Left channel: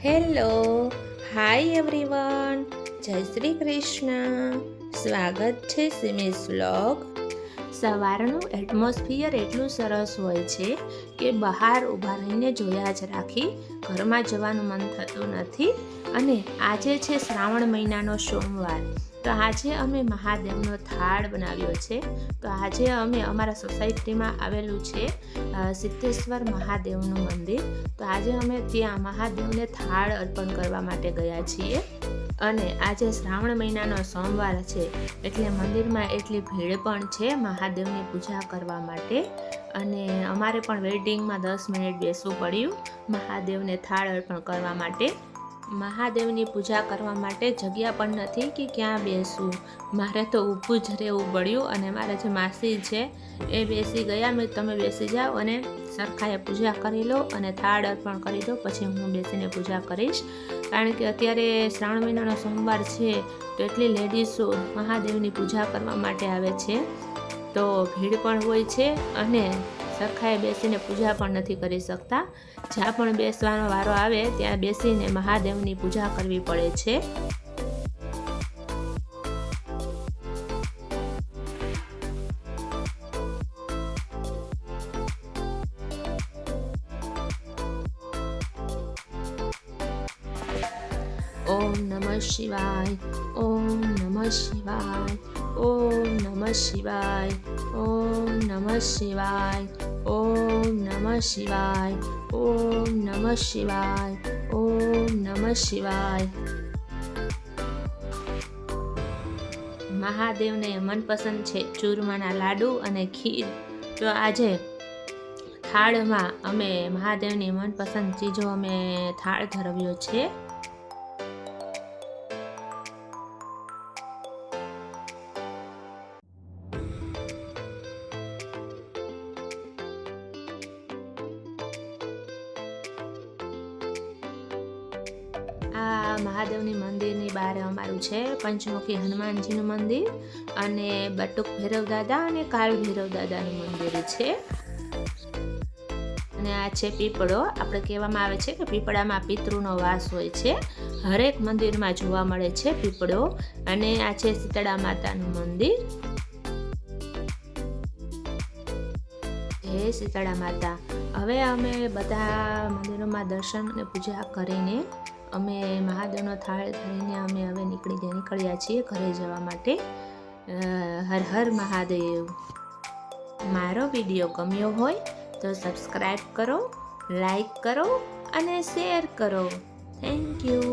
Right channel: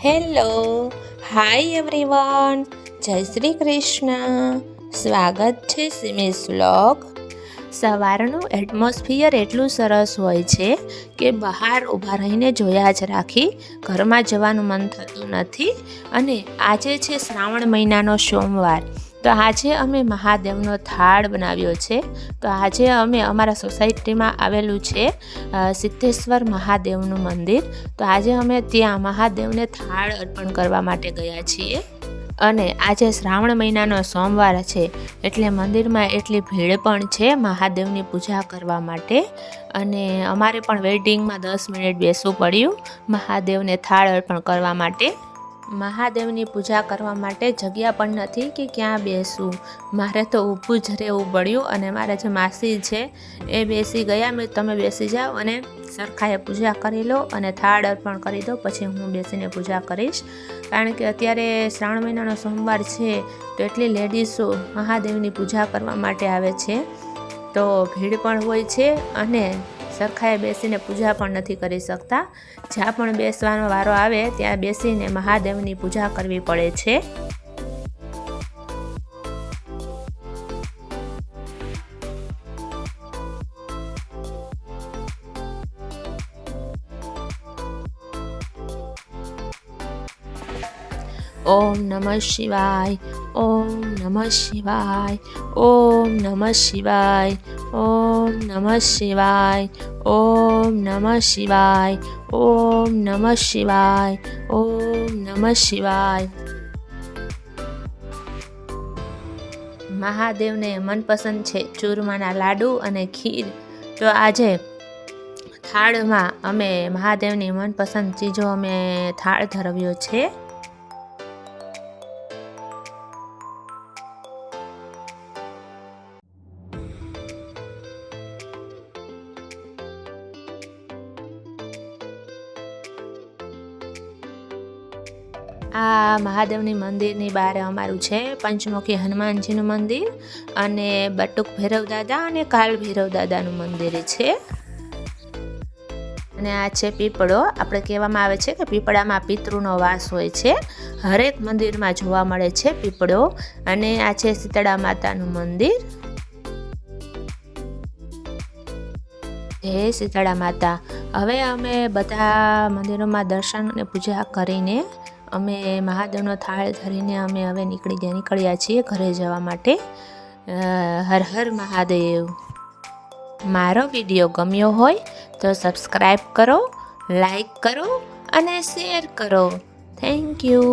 Hello, hi everyone, જય શ્રી કૃષ્ણ. સ્વાગત છે સિમીઝ વ્લોગ. સવારનું એટમોસ્ફિયર એટલું સરસ હોય છે કે બહાર ઊભા રહીને જોયા જ રાખી ઘરમાં જવાનું મન થતું નથી. અને આજે છે શ્રાવણ મહિનાનો સોમવાર, તો આજે અમે મહાદેવનો થાળ બનાવ્યો છે. તો આજે અમે અમારા સોસાયટીમાં આવેલું છે સિદ્ધેશ્વર મહાદેવનું મંદિર, તો આજે અમે ત્યાં મહાદેવને થાળ અર્પણ કરવા માટે ગયા છીએ. અને આજે શ્રાવણ મહિનાનો સોમવાર છે એટલે મંદિરમાં એટલી ભીડ પણ છે મહાદેવની પૂજા કરવા માટે. અને અમારે પણ વેઇટિંગમાં 10 મિનિટ બેસવું પડ્યું મહાદેવને થાળ અર્પણ કરવા માટે. મહાદેવની પૂજા કરવા માટે જગ્યા પણ નથી કે ક્યાં બેસવું, મારે તો ઊભું જ રહેવું પડ્યું. અને મારા જે માસી છે એ બેસી ગયા, મેં તમે બેસી જાઓ અને સરખાએ પૂજા કરી લો અને થાળ અર્પણ કરી દો, પછી હું બેસીને પૂજા કરીશ. કારણ કે અત્યારે શ્રાવણ મહિનાનો સોમવાર છે તો એટલી લેડીઝો મહાદેવની પૂજા કરવા માટે આવે છે, તો ભીડ પણ હોય છે અને સરખાએ બેસીને પૂજા પણ નથી કરી શકતા. જ્યાં પણ બેસવાનો વારો આવે ત્યાં બેસીને મહાદેવની પૂજા કરવી પડે છે. ઓમ નમઃ શિવાય, ઓમ નમઃ શિવાય, ઓમ નમઃ શિવાય, ઓમ નમઃ શિવાય, ઓમ નમઃ શિવાય, ઓમ નમઃ શિવાય, ઓમ નમઃ શિવાય. મહાદેવને મનપસંદ છે ચૂરમાના લાડુ અને ખીર, તો આજે થાળમાં અમે મહાદેવની મનપસંદ ચીજો અમે થાળ ધરાવ્યો છે. આ મહાદેવની મંદિરની બહાર અમારું છે પંચમુખી હનુમાનજીનું મંદિર અને બટુક ભૈરવ દાદા અને કાલ ભૈરવ દાદાનું મંદિર છે. અને આ છે પીપળો. આપણે કહેવામાં આવે છે કે પીપળામાં પિતૃનો વાસ હોય છે, હરેક મંદિરમાં જોવા મળે છે પીપળો. અને આ છે શીતળા માતાનું મંદિર. હે શીતળા માતા. હવે અમે બધા મંદિરોમાં દર્શન અને પૂજા કરીને અમે મહાદેવનો થાળ ધરીને અમે હવે નીકળ્યા છીએ ઘરે જવા માટે. હર હર મહાદેવ. મારો વિડીયો ગમ્યો હોય તો સબસ્ક્રાઈબ કરો, લાઈક કરો અને શેર કરો. Thank you.